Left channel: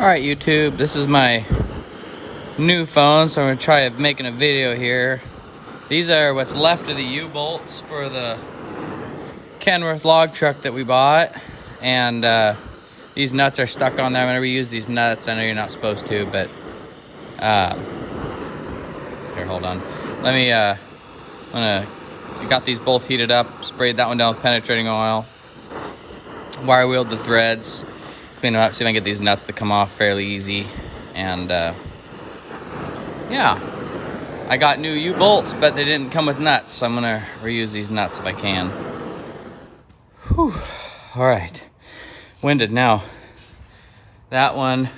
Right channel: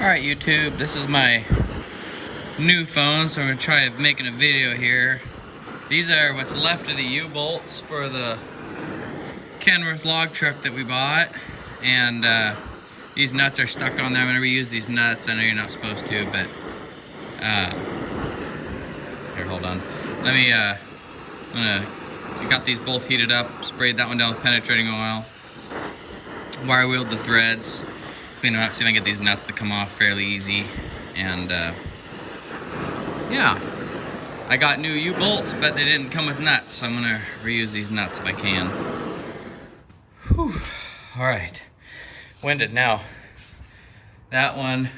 Alright YouTube, this is my new phone, so I'm going to try making a video here. These are what's left of the U-bolts for the Kenworth log truck that we bought. And these nuts are stuck on there. I'm going to reuse these nuts. I know you're not supposed to, but here, hold on. Let me, I got these both heated up, sprayed that one down with penetrating oil, wire wheeled the threads, clean them up, see if I can get these nuts to come off fairly easy. And yeah, I got new U-bolts, but they didn't come with nuts, so I'm gonna reuse these nuts if I can. Whew. All right, winded now. That one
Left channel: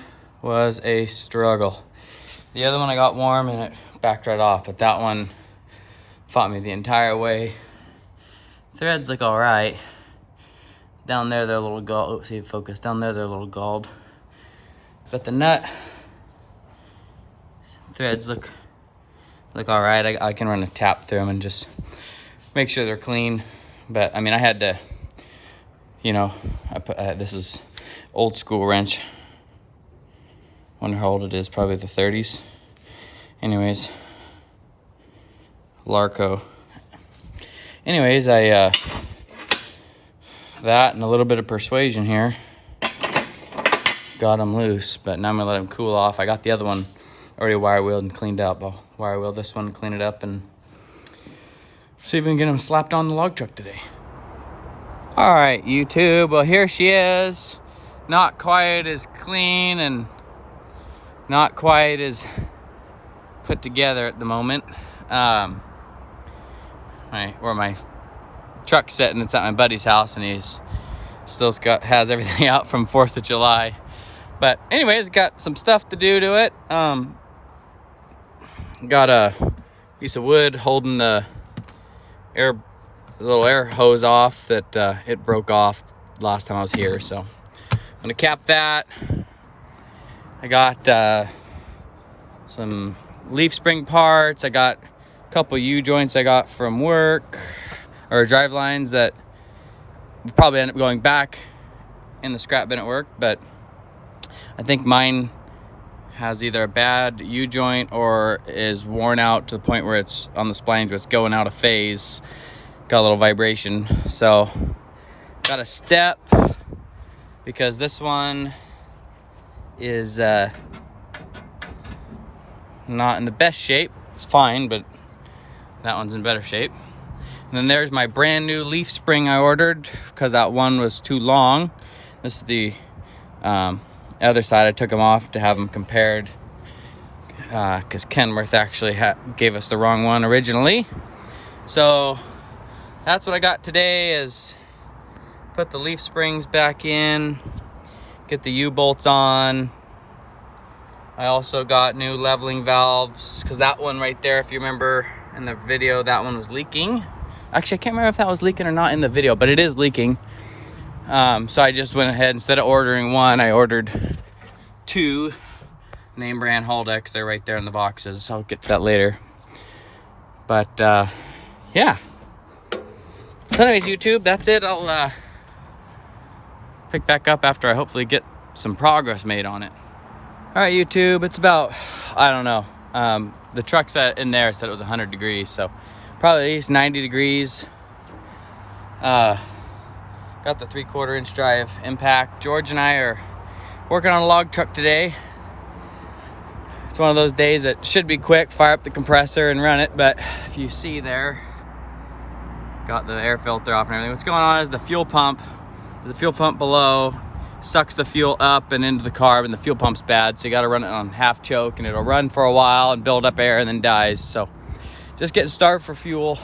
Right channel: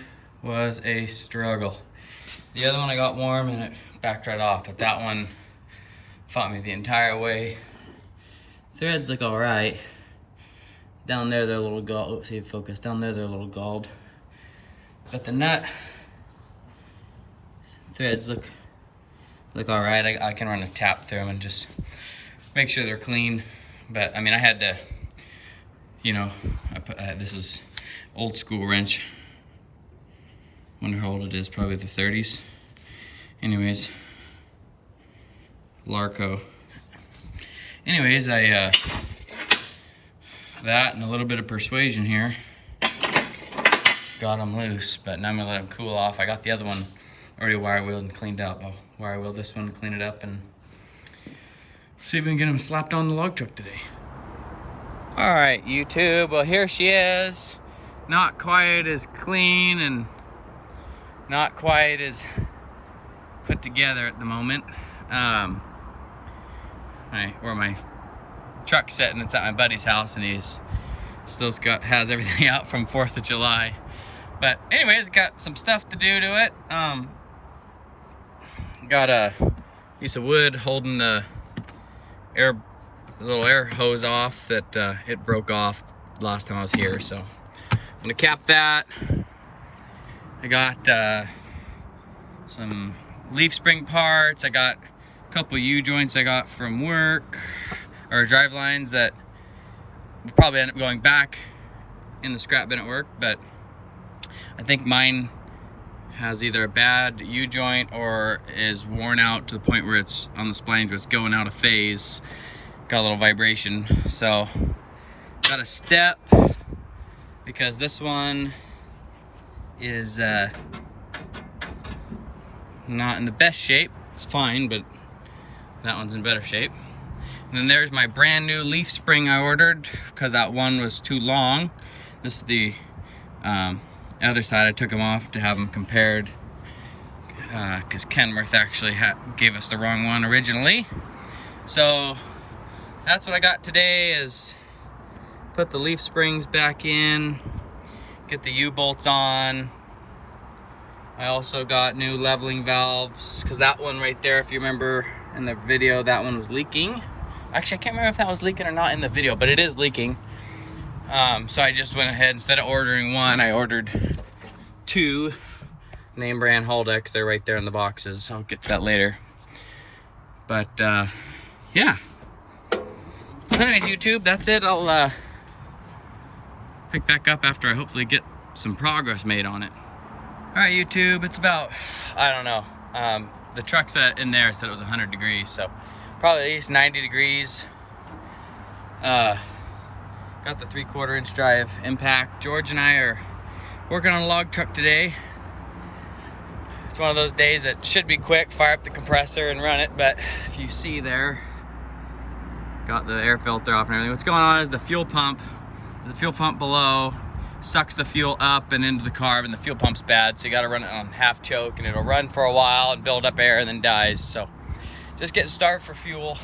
was a struggle. The other one I got warm and it backed right off, but that one fought me the entire way. Threads look all right. Down there they're a little galled. Oh, see, focus. Down there they're a little galled. But the nut threads look all right. I can run a tap through them and just make sure they're clean. But I mean, I had to, you know, this is old school wrench. Wonder how old it is. Probably the 30s. Anyways, Larco. Anyways, that and a little bit of persuasion here got them loose, but now I'm gonna let them cool off. I got the other one already wire wheeled and cleaned up. I'll wire wheel this one, clean it up, and see if we can get them slapped on the log truck today. All right, YouTube, well, here she is. Not quite as clean and not quite as put together at the moment. Where my truck's sitting, it's at my buddy's house, and he's still has everything out from 4th of July. But anyways, got some stuff to do to it. Got a piece of wood holding the little air hose off that it broke off last time I was here, so I'm gonna cap that. I got some leaf spring parts. I got a couple U-joints I got from work, or drive lines that will probably end up going back in the scrap bin at work, but I think mine has either a bad U-joint or is worn out to the point where it's on the spline where it's going out of phase. Got a little vibration. So got a step because this one is not in the best shape. It's fine, but that one's in better shape. And then there's my brand new leaf spring I ordered because that one was too long. This is the other side. I took them off to have them compared because Kenworth actually gave us the wrong one originally. So that's what I got today, is put the leaf springs back in, get the U-bolts on. I also got new leveling valves because that one right there, if you remember in the video, that one was leaking. Actually, I can't remember if that was leaking or not in the video, but it is leaking. So I just went ahead, instead of ordering one, I ordered two name brand Haldex. They're right there in the boxes. I'll get to that later. But yeah. So anyways, YouTube, that's it. I'll pick back up after I hopefully get some progress made on it. All right, YouTube, it's about, I don't know. The truck's in there said it was 100 degrees, so probably at least 90 degrees. Got the 3/4 inch drive impact. George and I are working on a log truck today. It's one of those days that should be quick, fire up the compressor and run it, but if you see there, got the air filter off and everything. What's going on is the fuel pump, there's a fuel pump below, sucks the fuel up and into the carb, and the fuel pump's bad, so you gotta run it on half choke, and it'll run for a while and build up air and then dies. So just getting started for fuel,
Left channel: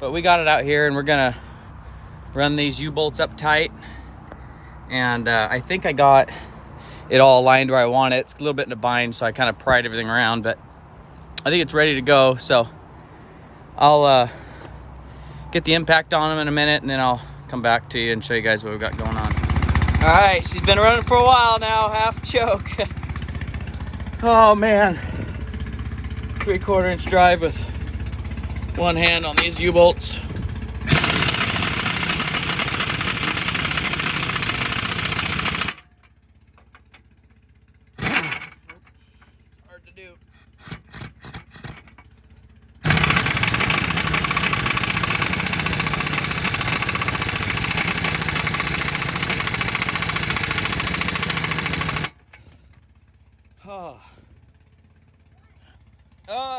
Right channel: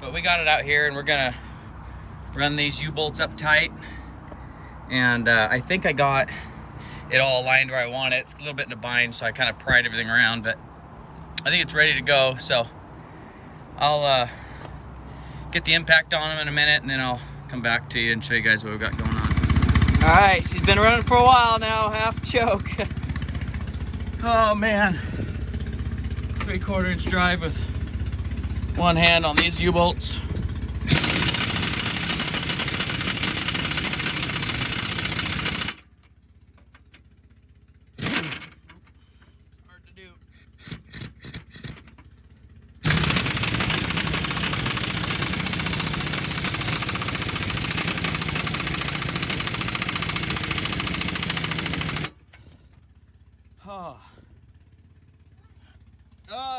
but we got it out here, and we're gonna run these U-bolts up tight. And I think I got it all aligned where I want it. It's a little bit in a bind, so I kind of pried everything around, but I think it's ready to go. So I'll get the impact on them in a minute, and then I'll come back to you and show you guys what we've got going on. All right, she's been running for a while now, half choke. Oh man, 3/4 inch drive with one hand on these U-bolts.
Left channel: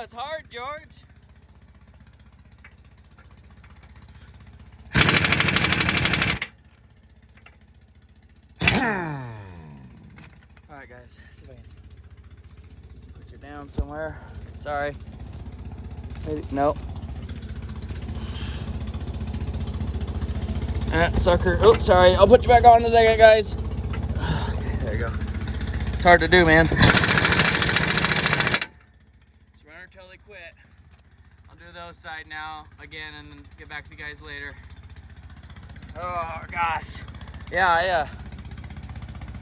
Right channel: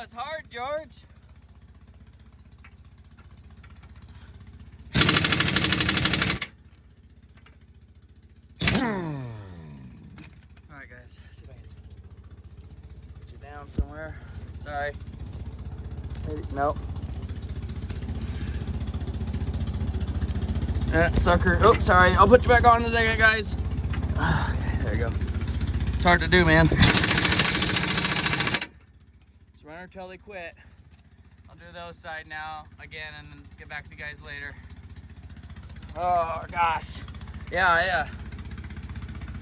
it's hard, George. Alright guys, so put you down somewhere. Sorry. Maybe, no. Sucker. Oh, sorry. I'll put you back on in a second, guys. Okay, there you go. It's hard to do, man. Just run until they quit. I'll do those side now again and then get back to you guys later. Oh gosh. Yeah.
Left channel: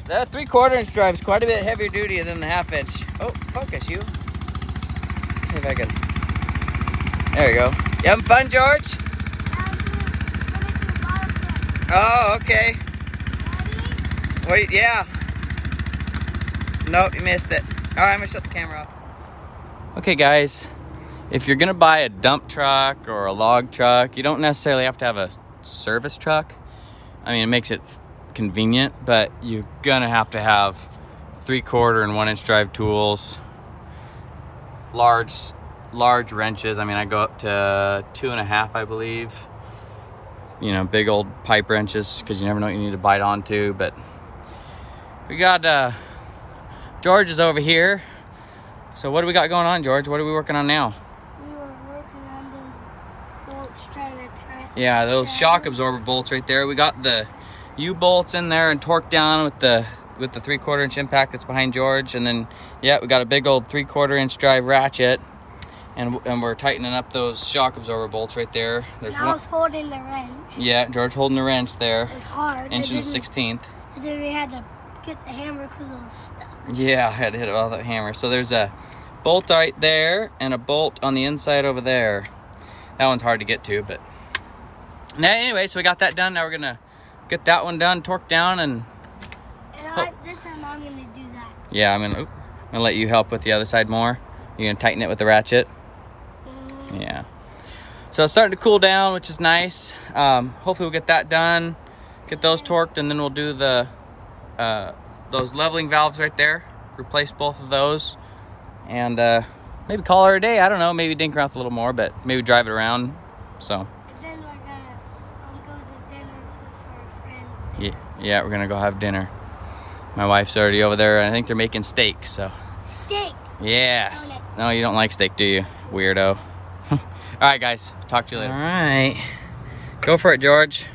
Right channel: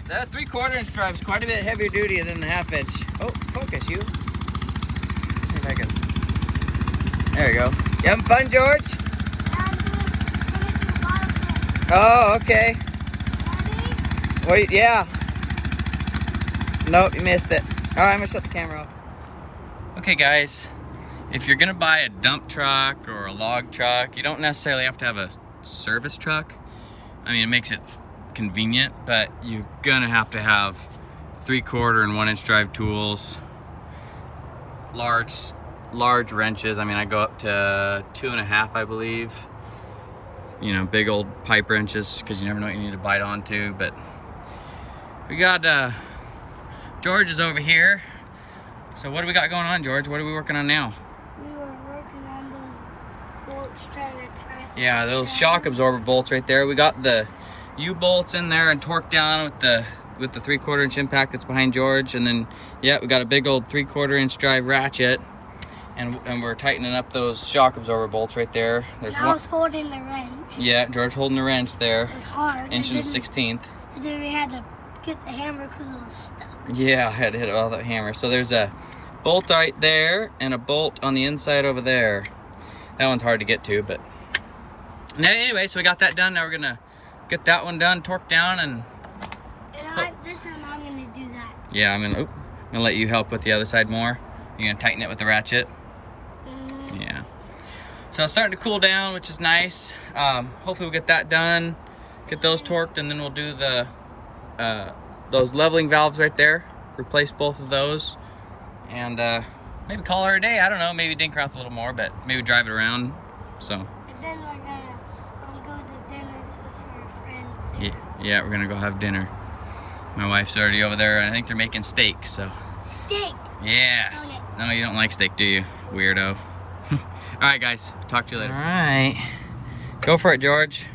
That 3/4 inch drive is quite a bit heavier duty than the 1/2 inch. Oh, focus you. See if I can. There you go. You having fun, George? Yeah, I'm gonna do a bottle flip. Oh, okay. Ready? Wait, yeah. Nope, you missed it. All right, I'm gonna shut the camera off. Okay, guys. If you're gonna buy a dump truck or a log truck, you don't necessarily have to have a service truck. I mean, it makes it convenient, but you're gonna have to have 3/4 and 1 inch drive tools, large wrenches. I mean, I go up to 2.5, I believe. You know, big old pipe wrenches, because you never know what you need to bite onto. But we got George is over here. So what do we got going on, George? What are we working on now? We were working on those bolts trying to tie. Yeah, those shock absorber bolts right there. We got the U-bolts in there and torqued down with the 3/4 inch impact that's behind George. And then, yeah, we got a big old 3/4 inch drive ratchet. And we're tightening up those shock absorber bolts right there. There's I was holding the wrench. Yeah, George holding the wrench there. It was hard. Inch and a 1/16. And then we had to get the hammer because it was stuck. Yeah, I had to hit it with that hammer. So there's a bolt right there and a bolt on the inside over there. That one's hard to get to, but now anyway, so we got that done. Now we're gonna get that one done, torqued down, and This time I'm gonna do that. yeah, I'm gonna let you help with the other side more. You're gonna tighten it with the ratchet. Yeah. So it's starting to cool down, which is nice. Hopefully we'll get that done, get those torqued, and then we'll do the those leveling valves right there. Replace both of those, and maybe call her a day. I don't know. Maybe dink around a little more, but maybe drive it around. So. And then we're gonna go to dinners with our friends. Yeah, we're gonna go have dinner. My wife's already over there, and I think they're making steak. So. Steak. Yes. No, you don't like steak, do you, weirdo? All right, guys. Talk to you later. All right. Go for it, George.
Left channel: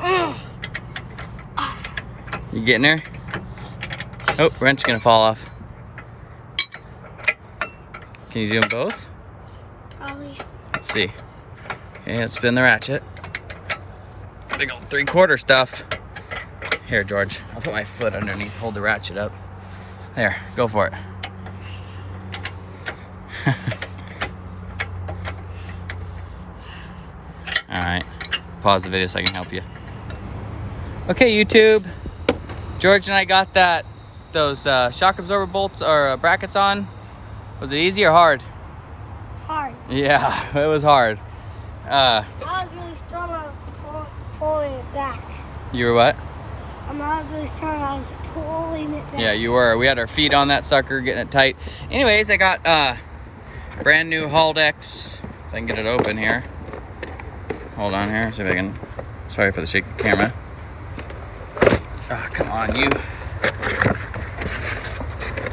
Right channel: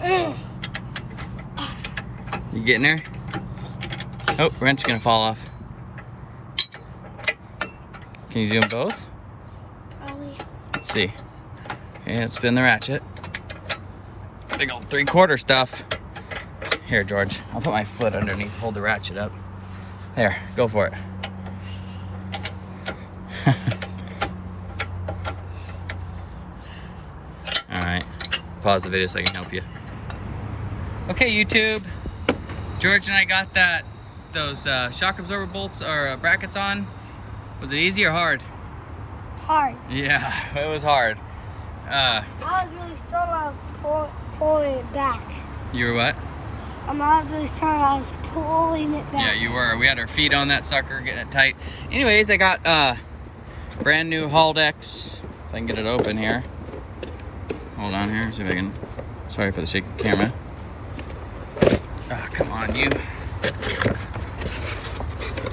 You getting there? Oh, wrench gonna fall off. Can you do them both? Probably. Let's see. Okay, let's spin the ratchet. Big old 3/4 stuff. Here, George. I'll put my foot underneath. Hold the ratchet up. There. Go for it. Alright, pause the video so I can help you. Okay, YouTube. George and I got those shock absorber bolts or brackets on. Was it easy or hard? Hard. Yeah, it was hard. I was really strong. I was pulling it back. You were what? I was really strong. I was pulling it back. Yeah, you were. We had our feet on that sucker, getting it tight. Anyways, I got brand new Haldex. If I can get it open here. Hold on here, see if I can. Sorry for the shaky camera. Oh, come on, you.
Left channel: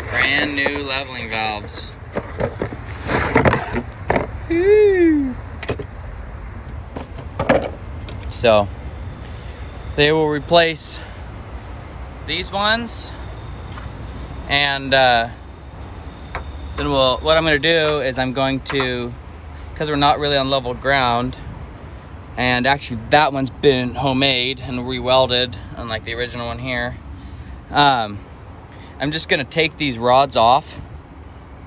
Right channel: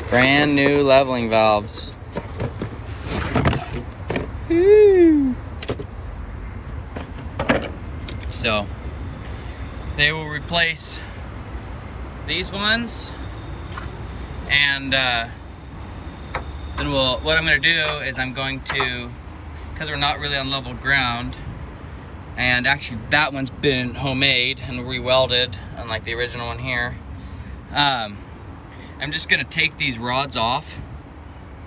Brand new leveling valves. Woo. So they will replace these ones, and then what I'm going to do is I'm going to, because we're not really on level ground, and actually that one's been homemade and re-welded unlike the original one here. I'm just gonna take these rods off,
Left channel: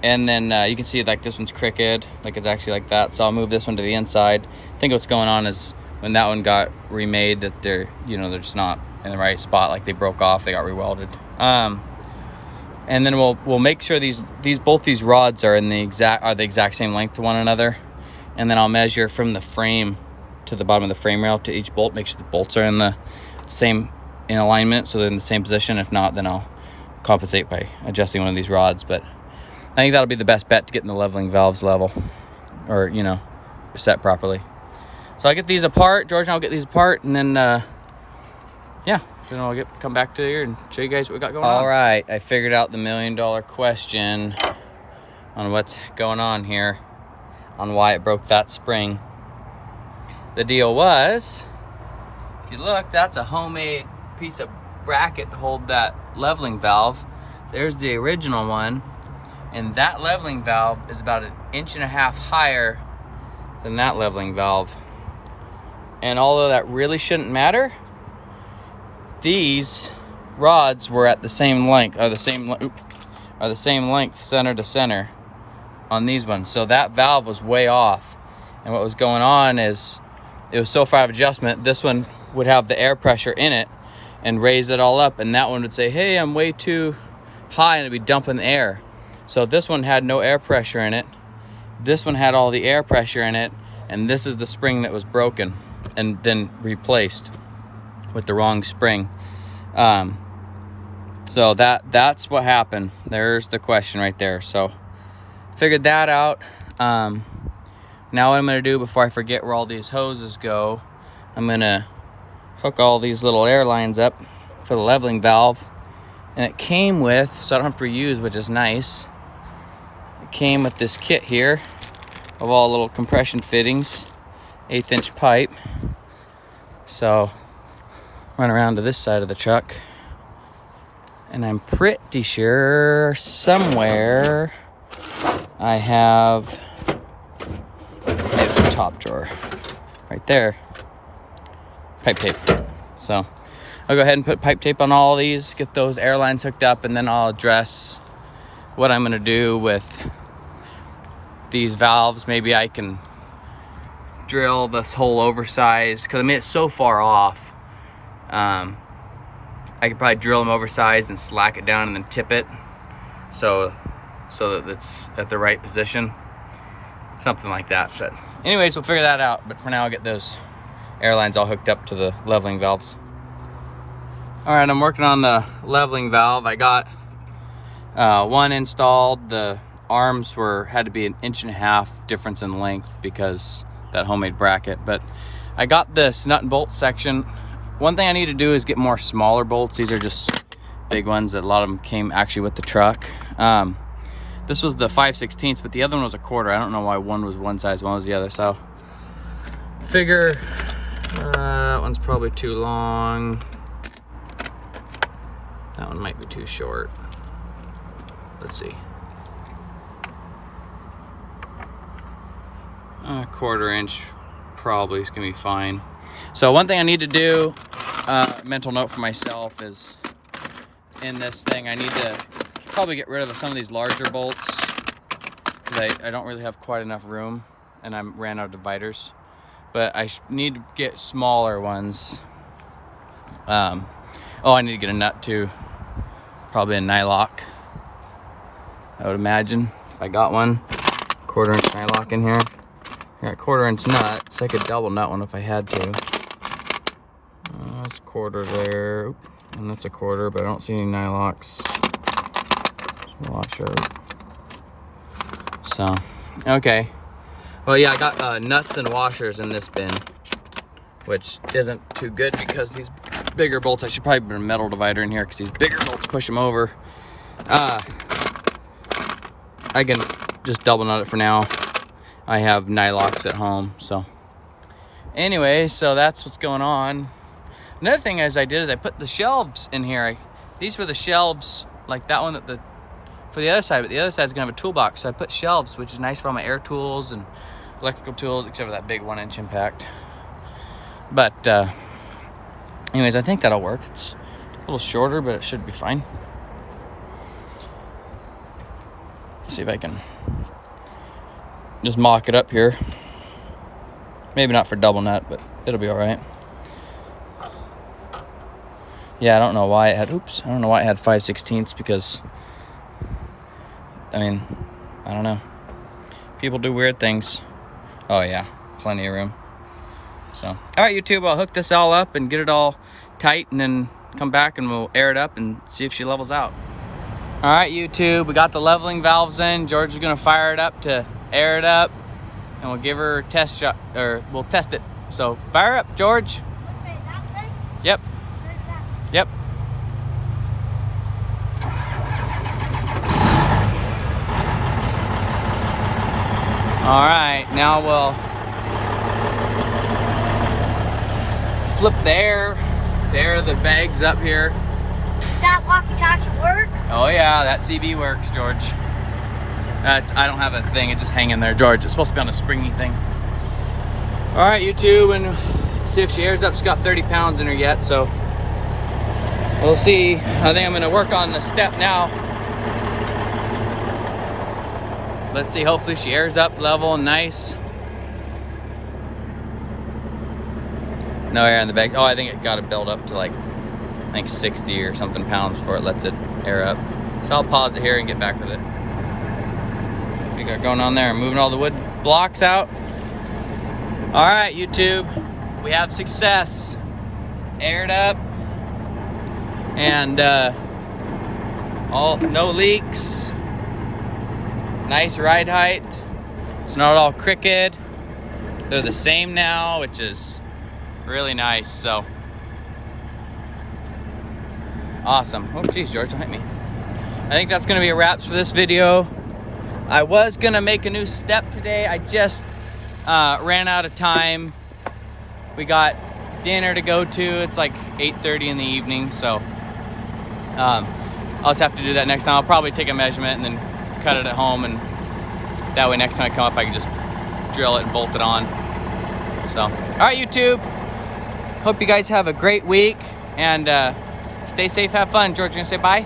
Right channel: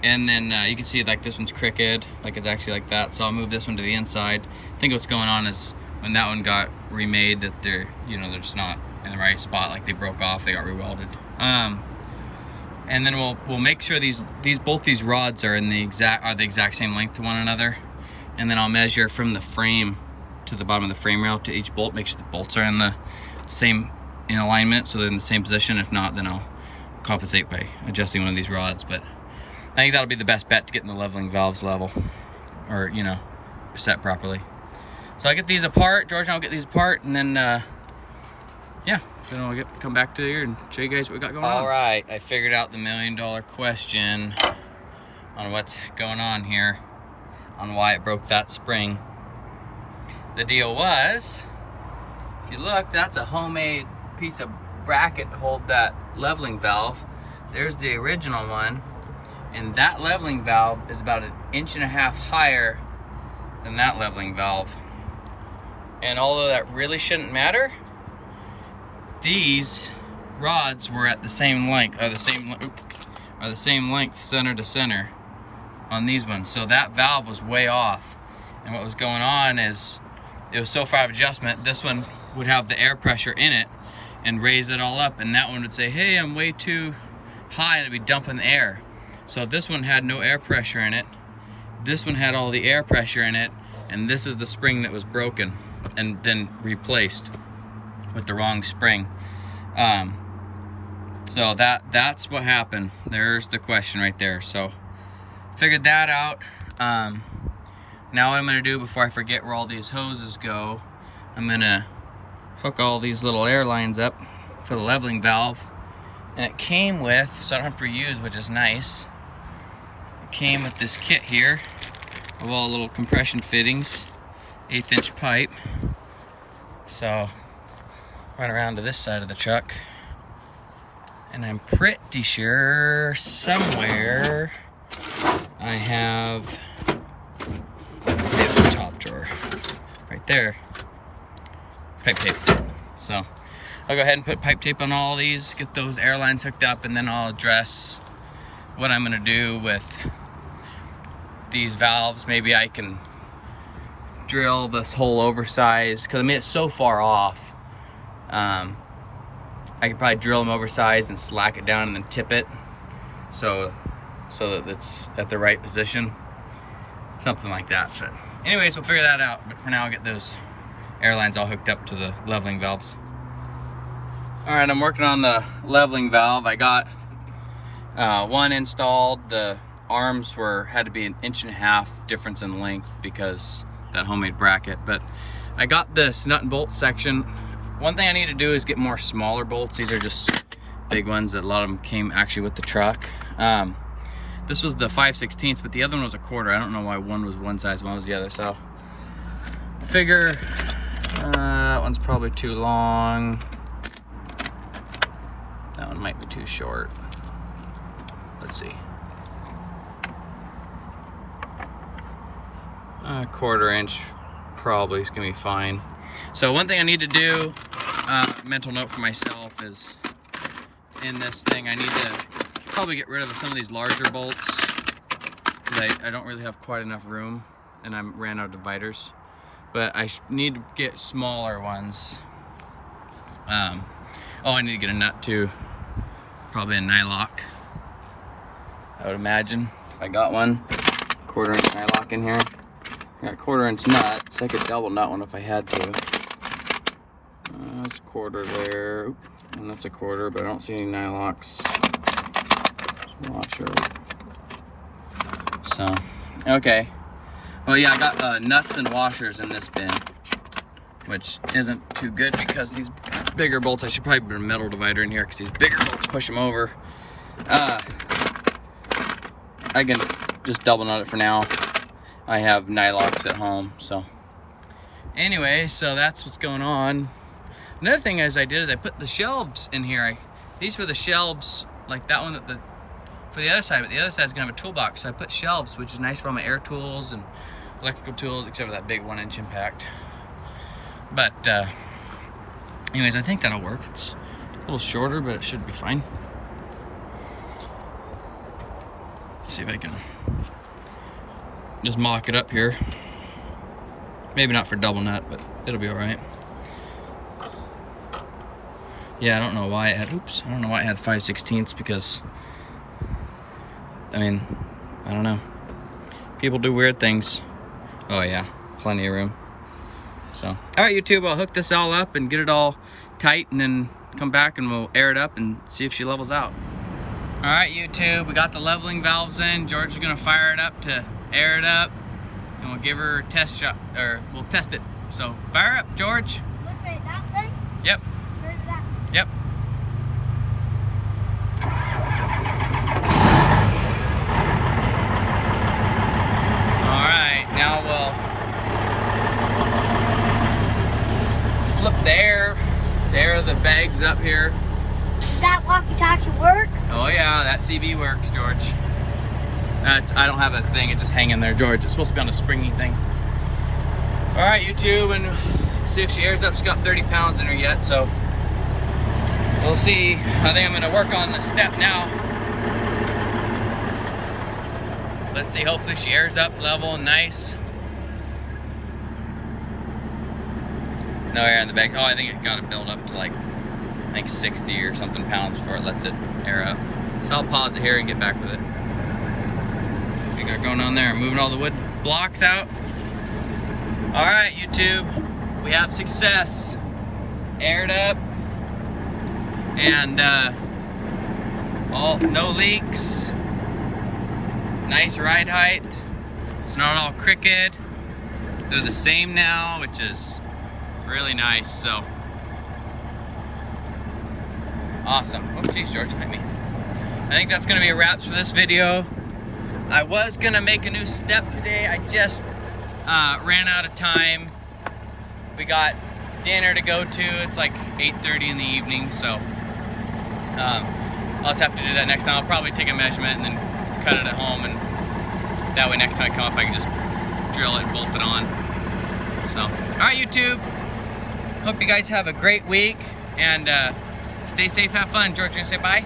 and then you can see like this one's crooked, like it's actually like that. So I'll move this one to the inside. I think what's going on is when that one got remade, that they're they're just not in the right spot, like they broke off, they got re-welded. And then we'll make sure both these rods are the exact same length to one another, and then I'll measure from the frame to the bottom of the frame rail to each bolt, make sure the bolts are in alignment, so they're in the same position. If not, then I'll compensate by adjusting one of these rods. But I think that'll be the best bet to getting the leveling valves level, or you know, set properly. So I'll get these apart. George and I'll get these apart, and then yeah, then I'll come back to here and show you guys what we got going on. All right, I figured out the $1 million question on what's going on here, on why it broke that spring. The deal was, if you look, that's a homemade piece of bracket to hold that leveling valve. There's the original one, and that leveling valve is about 1.5 inches higher than that leveling valve. And although that really shouldn't matter, these rods were at the same length, are the same length center to center on these ones. So that valve was way off. And what was going on is, it was so far out of adjustment, this one would have the air pressure in it and raise it all up, and that one would say, hey, I'm way too high, and it'd be dumping air. So this one had no air pressure in it. This one had all the air pressure in it, and this is the spring that was broken and then replaced with the wrong spring. So that's what happened. There's the question right there. So figured that out. Now what I'm gonna do before I forget where all these hoses go, I'm gonna hook all these little air lines up for the leveling valve. And it came with, so I don't have to reuse, which is nice. It came with this kit here of all little compression fittings, 1/8 inch pipe. So went around to this side of the truck, and I'm pretty sure somewhere I have, there's the top drawer right there, pipe tape. So I'll go ahead and put pipe tape on all these, get those air lines hooked up, and then I'll address what I'm gonna do with these valves. Maybe I can drill this whole oversized, because I mean it's so far off. I could probably drill them oversized and slack it down and then tip it so that it's at the right position, something like that. But anyways, we'll figure that out. But for now, I'll get those air lines all hooked up to the leveling valves. All right, I'm working on the leveling valve. I got one installed. The arms had to be 1.5 inches difference in length because that homemade bracket. But I got this nut and bolt section. One thing I need to do is get more smaller bolts. These are just big ones that a lot of them came actually with the truck. This was the 5/16, but the other one was a 1/4. I don't know why one was one size, one was the other. So figure that one's probably too long. That one might be too short. Let's see. 1/4 inch probably is gonna be fine. So one thing I need to do, mental note for myself, is in this thing I need to probably get rid of some of these larger bolts, because I don't really have quite enough room and I ran out of dividers. But I need to get smaller ones. Oh, I need to get a nut too. Probably a nylock, I would imagine, if I got one. 1/4 inch nylock in here. I got 1/4 inch nuts. I could double nut one if I had to. That's 1/4 there. Oop. And that's a 1/4, but I don't see any nylocks. It's a lot short. So, okay. Well, yeah, I got nuts and washers in this bin, which isn't too good because these bigger bolts, I should probably put a metal divider in here because these bigger bolts push them over. I can just double nut it for now. I have nylocks at home, so. Anyway, so that's what's going on. Another thing I did is I put the shelves in here. These were the shelves, like that one for the other side, but the other side's gonna have a toolbox. So I put shelves, which is nice for all my air tools and electrical tools, except for that big 1 inch impact. But anyways, I think that'll work. It's a little shorter, but it should be fine. Let's see if I can just mock it up here. Maybe not for double nut, but it'll be all right. Yeah, I don't know why it had, I don't know why it had 5/16 because, I mean, I don't know. People do weird things. Oh yeah, plenty of room. So, all right, YouTube, I'll hook this all up and get it all tight and then come back and we'll air it up and see if she levels out. All right, YouTube, we got the leveling valves in. George is gonna fire it up to air it up, and we'll give her a test shot, or we'll test it. So fire up, George. Which way, that way? Yep, Or that way? yep. All right, now we'll flip the air of the bags up here. Does that walkie-talkie work? Oh yeah, that CV works, George. I don't have a thing, it just hanging there, George. It's supposed to be on a springy thing. All right, YouTube, and see if she airs up. She's got 30 pounds in her yet, so we'll see. I think I'm gonna work on the step now. Let's see, hopefully she airs up level and nice. No air in the bag. Oh, I think it got to build up to like, I think 60 or something pounds before it lets it air up. So I'll pause it here and get back with it. What we got going on there? Moving all the wood blocks out. All right, YouTube, we have success. Aired up, and no leaks. Nice ride height. It's not all crooked. They're the same now, which is really nice. So awesome. Oh geez, George, don't hit me. I think that's gonna be a wrap for this video. I was gonna make a new step today. I just ran out of time. We got dinner to go to. It's like 8:30 in the evening, so I'll just have to do that next time. I'll probably take a measurement and then cut it at home, and that way next time I come up I can just drill it and bolt it on. So, all right, YouTube. Hope you guys have a great week, and stay safe, have fun. George, you gonna say bye?